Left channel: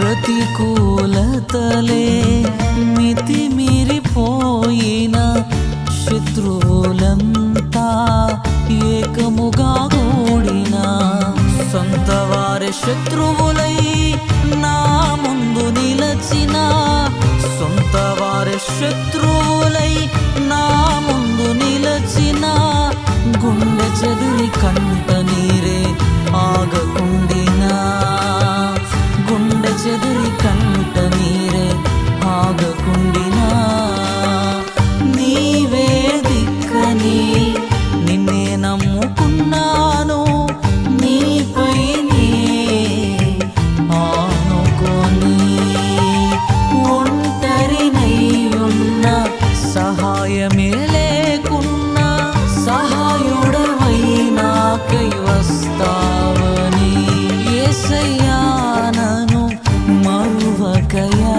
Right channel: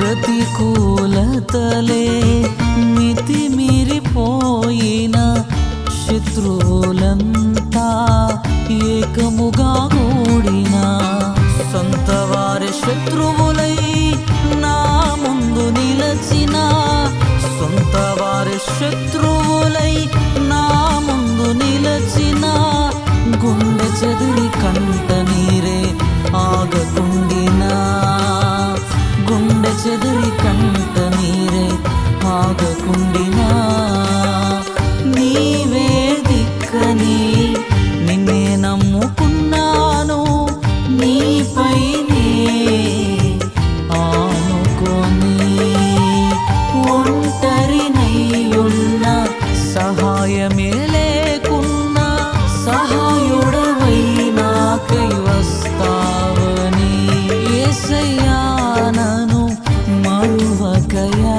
ప్రతికూలతలే మితిమీరిపోయిన శత్రువులంతా ఏకముగా కూడిన సొంత వారి శత్రువులై నా ముందు నిలచిన సొంత వారి శత్రువులై నా ముందు నిలచిన గుండె చెదిరి కంట నీరే ఆగకుండినా గుండె చెదిరి కంట నీరే ఆగకుండినా నీవే దిక్కని నిన్నే నమ్ముకున్నాను నీపైనే ఆనుకొని ఒంటరినయ్యున్న సహాయమే లేకున్నా సహాయుడవై నాకై వస్తావని యేసయ్యా నన్ను మరువకయా